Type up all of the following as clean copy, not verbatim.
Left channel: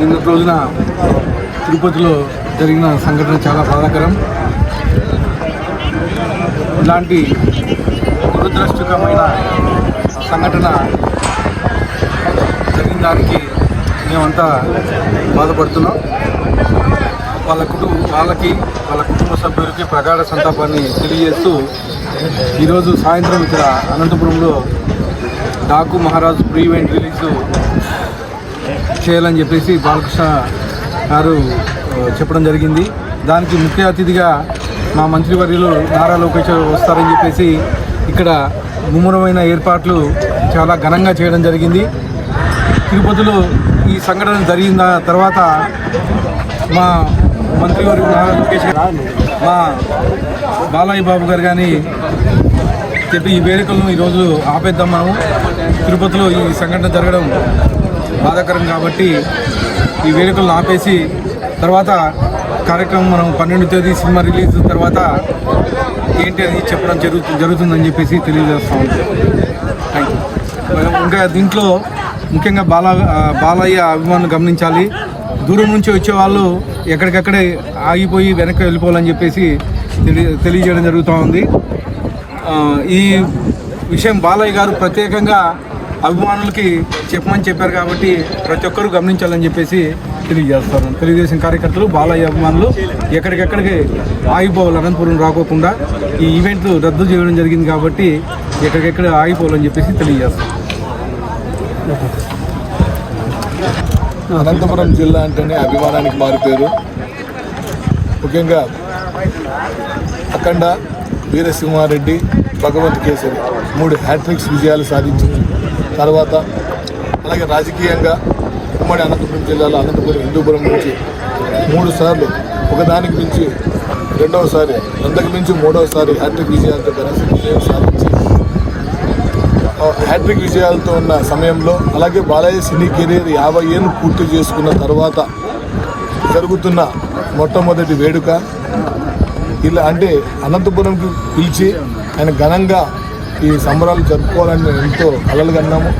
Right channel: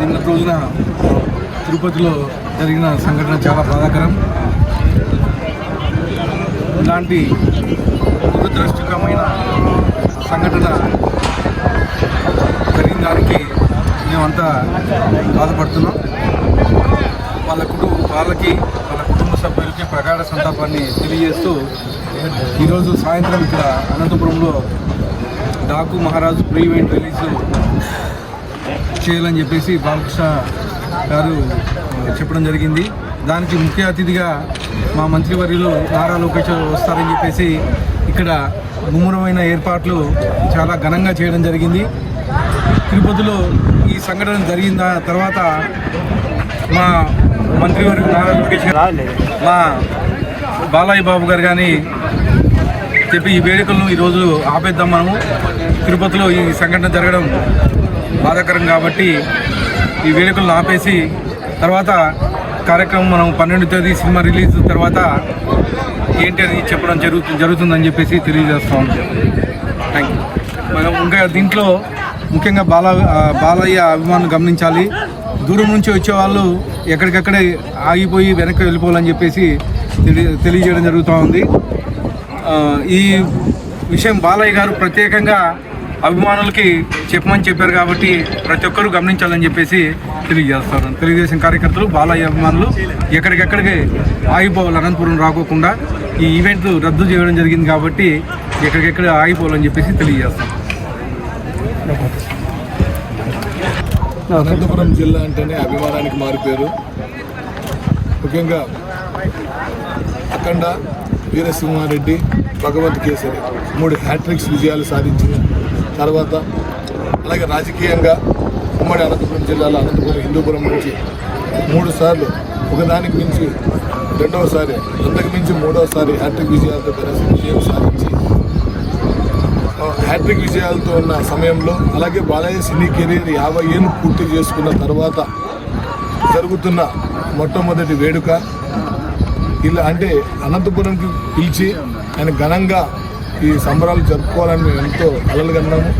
నిన్నటి రోజున తిరుపతిలో జరిగిన సంఘటన చాలా బాధాకరం. ఇలాంటి దురదృష్టకరమైన సంఘటన జరిగిన దానికి మేమంతా బాధపడుతున్నాం. వాళ్ళ కుటుంబ సభ్యులకి ప్రగాఢ సంతాపాన్ని తెలియజేస్తూ ఈరోజు సాయంత్రం ఇక్కడ అనంతపురంలో డాకు మహారాజు ప్రీ ఈవెంట్ రిలీజు చేయాలని చెప్పేసి బాలకృష్ణ గారు చెప్పడం జరిగింది. దానికి ముఖ్య అతిథిగా మా మంత్రివర్యులు నారా లోకేష్ వస్తారని చెప్పేసి ఇక్కడ ముమ్మరమైన ఏర్పాట్లు చాలా ఘనంగా చేయడం జరిగింది. తిరుపతిలో ఈ సంఘటన జరిగిన తర్వాత మా మంత్రివర్యులు నారా లోకేష్ గారు మా బాలయ్య బాబు గారు కానీ చెప్పి ఈ వేడుకలను ఈరోజు ఆపేద్దాం, మనము తిరుపతిలో ఈ సంఘటన జరగడం బాధాకరం కాబట్టి ఈ వేడుకలను ఆపేసి తర్వాత కార్యక్రమం మనం 12వ తేదీ సినిమా రిలీజ్ తర్వాత ఏంటి అని చెప్పడం జరుగుతుందని చెప్పేసి తెలియజేస్తాం. Thank you. ఇంకా దీంట్లో ముఖ్యంగా బాలయ్య అభిమానులు గమనించాలి. దూరం నుంచి వచ్చే వాళ్ళు ఎక్కడికక్కడే ఆగిపోయి వెనక్కి వెళ్ళిపోవాలని చెప్పేసి తెలియజేయడం జరుగుతూ ఉంది. ఈ విషయం బాలయ్య గారు ప్రత్యేకంగా అభిమానులకి చెప్పమని చెప్పారు కాబట్టి ప్రతి ఒక్కరూ గమనించాలని చెప్పేసి తెలియజేస్తారు. తెలుగుదేశం కార్యకర్తలు బాలయ్య అభిమానులు ఎక్కడికెక్కడికి ఆగిపోవాలి, అనంతపురం రాకోకుండా ఈ ఈవెంట్ రద్దు చేయడం జరిగింది కాబట్టి ఎక్కడికెక్కడ ఆగిపోవాలని చెప్పేసి తెలియజేస్తాం. అనంతపురం జిల్లా అంటేనే అభిమానానికి మారిపోయారు. ముఖ్యంగా అఖండ, వీరసింహారెడ్డి, భగవంత్ కేసరి 3 హ్యాట్రిక్స్ విజయాలు సాధించిన తర్వాత అలాగే రాజకీయంగా ఉమ్మడి అనంతపురం జిల్లాలో అనంతపురం హిందూపురం నుంచి 3 సార్లు ఒకదానికి మించి రెండవసారి, అంతకు మించి 3వసారి హ్యాట్రిక్ విజయాలతో విజయం సాధించి హ్యాట్రిక్ విజయాలతో ఉన్న సమయంలో అలాగే బాలయ్య సినీ కెరీర్ 50 ఏళ్ళు పూర్తి చేసుకున్న తర్వాత జరుగుతున్న మొట్టమొదటి వేడుక ఇలా అంటే అనంతపురంకి పిలిచి ఆయన ఘనంగా ఈ సంబరాలు జరుపుకోవాలని మేము ఎంతో కలలుగన్నాము.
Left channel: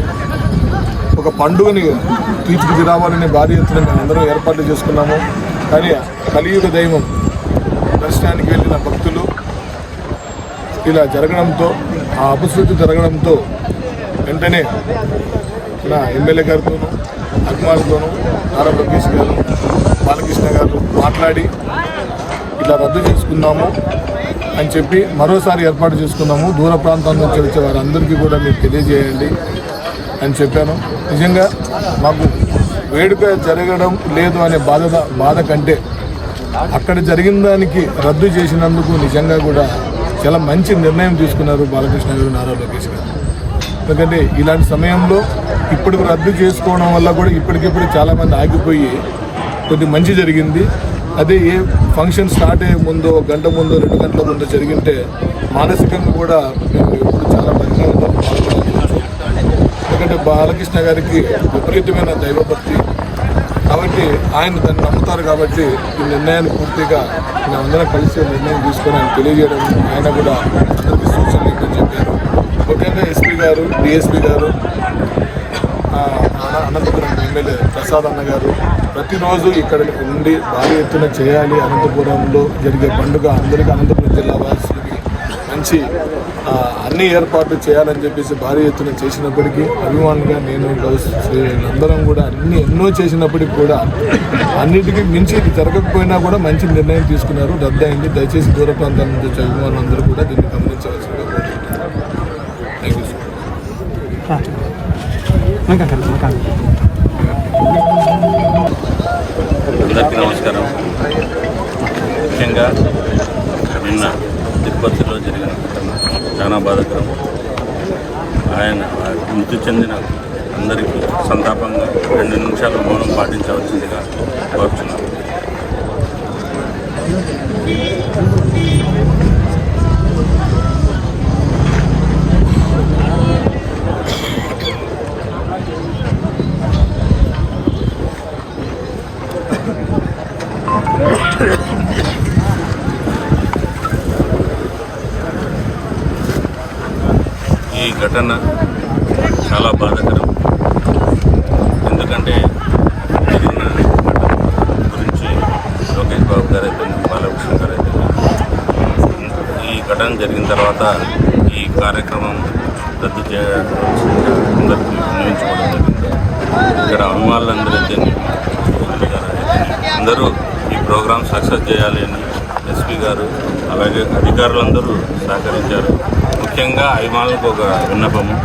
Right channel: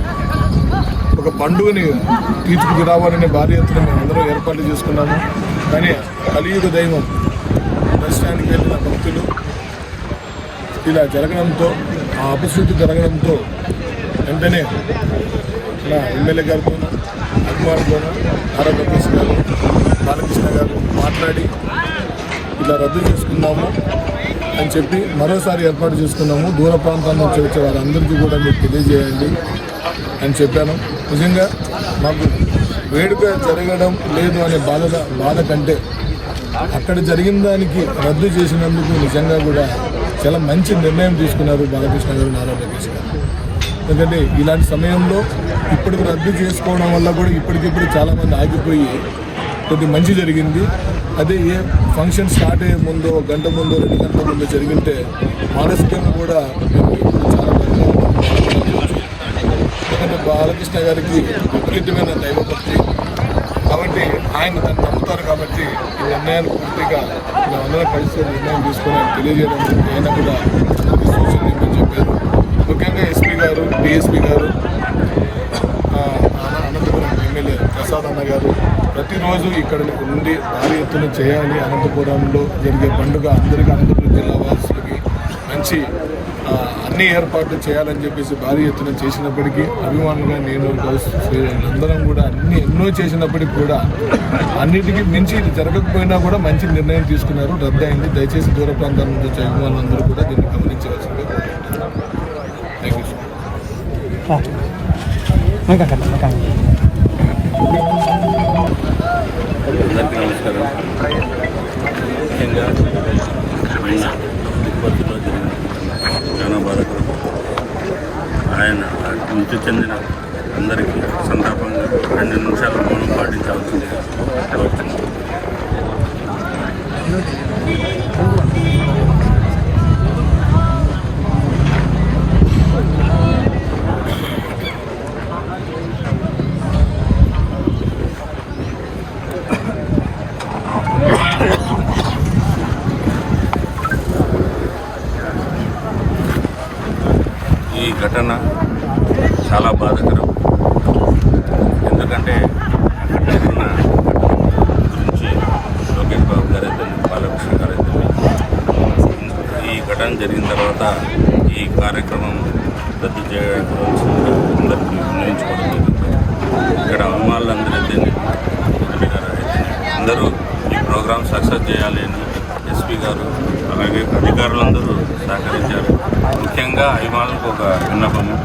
ఒక పండుగని తీర్చిదిరావాలని భారీ ఎత్తున మేము అందరం ఏర్పాట్లు చేసుకున్నాము. కానీ కలియుగ దైవం దర్శనానికి వెళ్ళిన భక్తులు ఇలా జరగడంతో, ఆ అపశృతి జరగడంతో వెంటనే నా ఎమ్మెల్యే గారితోనూ అభిమానులతోనూ నారా లోకేష్ గారు, బాలకృష్ణ గారు మాట్లాడి ఇలా రద్దు చేసుకుందాము అని చెప్పి మరోసారి ఏర్పాటు చేసుకున్నాము. దూర ప్రాంతాల నుంచి వచ్చే వారందరికీ కూడా మీరు తెలియజేయండి అని చెప్పాను. నిజంగా మాకు వేడుక జరగడం లేదు అనే బాధ కంటే అక్కడ జరిగిన దానికి రద్దు చేసినందుకు నిజంగా కూడా చాలా మంచి నిర్ణయం తీసుకున్నారు బాలకృష్ణ గారు, నారా లోకేష్ గారు. ఎందుకంటే ఇలాంటి సమయంలో ఇప్పటికి రద్దు చేసుకోవడం వల్ల కూడా ఇప్పటికిప్పుడు చాలామంది ఆగిపోయి కొద్ది మంచి జరిగింది. అదే ఏ ఫంక్షన్ స్టార్ట్ అయ్యే ముందు 1 గంట ముందు 2 గంటల ముందు జరిగింటే మానసికంగా కూడా మేము ఎప్పుడు చాలా పరిణామం. ఎందుకంటే బాలకృష్ణ గారికి విపరీతమైన దైవభక్తి కాబట్టి ఆయన దాన్ని నమ్ముతారు కాబట్టి ఈ నిర్ణయాన్ని పూర్తిగా మేమందరం కలిసి నిర్ణయం తీసుకొని ఆయన తెలియజేయడం ఆయన కూడా సూచనలు ఇవ్వని చెప్పారు. ముఖ్యంగా ఎస్పీ గారు, డిఎస్పీ గారు, అనంతపురం ఎమ్మెల్యే ప్రసాద్ అన్న గారు ప్రతిరోజు ఇక్కడ ఉండి భారీ ఎత్తున చేయాలి, అనంతపురంలో జరిగే పండుగ అందరికీ అనంతపురం జిల్లా వాసులకి మంచి అన్ని ఏర్పాట్లు చేయాలని చెప్పేసి భారీ ఎత్తున చేసినప్పటికీ అభిమానులుగా నేను అందరం కూడా ఎన్నో చేసినప్పటికీ కూడా అన్నిటికీ మించి ఇది జరగకపోయినా కూడా మంచి నిర్ణయం తీసుకున్నారు, రద్దు అయింది. దయచేసి దూర ప్రాంతాల నుంచి వచ్చే అభిమానులందరూ కూడా దీన్ని గమనించవలసిందిగా కోరుకుంటున్నారు. Thank you sir. అందరికీ నమస్కారం. ముఖ్యంగా నిన్న తిరుపతిలో జరిగిన చాలా బాధాకరం. ఆయన మృతి చెందిన అందరికీ సంతాపంగా 2 నిమిషాలు మౌనం పాటించవలసిందిగా కోరుతున్నాను. ఈ ఘటన చాలా బాధాకరం. ఎందుకంటే జరిగిన ఘటన జరిగిన తర్వాత ఈ కార్యక్రమం రద్దు చేయవలసిందిగా అందరికీ విన్నవించుకోవడం జరిగింది. ఇక్కడ అభిమానులందరూ అయితే ఎమ్మెల్యే గారు అయితే అందరూ ఈ ప్రోగ్రాం సక్సెస్ చేయాలి అని ఎస్పీ గారు అలాగే అధికారులందరూ సహకరించారు. ముఖ్యంగా అభిమానులకు ఒక విన్నపము,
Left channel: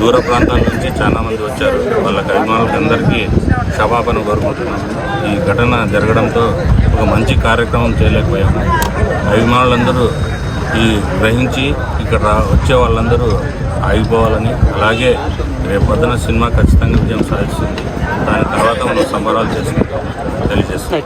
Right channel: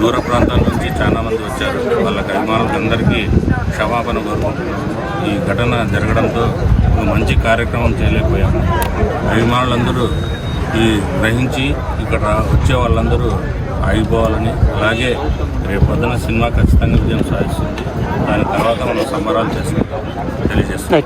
దూర ప్రాంతాల నుంచి చాలా మంది వచ్చారు. వాళ్ళకి అభిమానులకు అందరికీ క్షమాపణ కోరుకుంటున్నాము. ఈ ఘటన జరగడంతో ఒక మంచి కార్యక్రమం చేయలేకపోయాము. అభిమానులందరూ ఈ గ్రహించి ఇక్కడ వచ్చే వాళ్ళందరూ ఆగిపోవాలని, అలాగే రేపు పొద్దున సినిమా ఖచ్చితంగా విజయం సాధిస్తుంది. దాని తర్వాత మనం సంబరాలు చేసుకుంటాం తెలియజేస్తాం.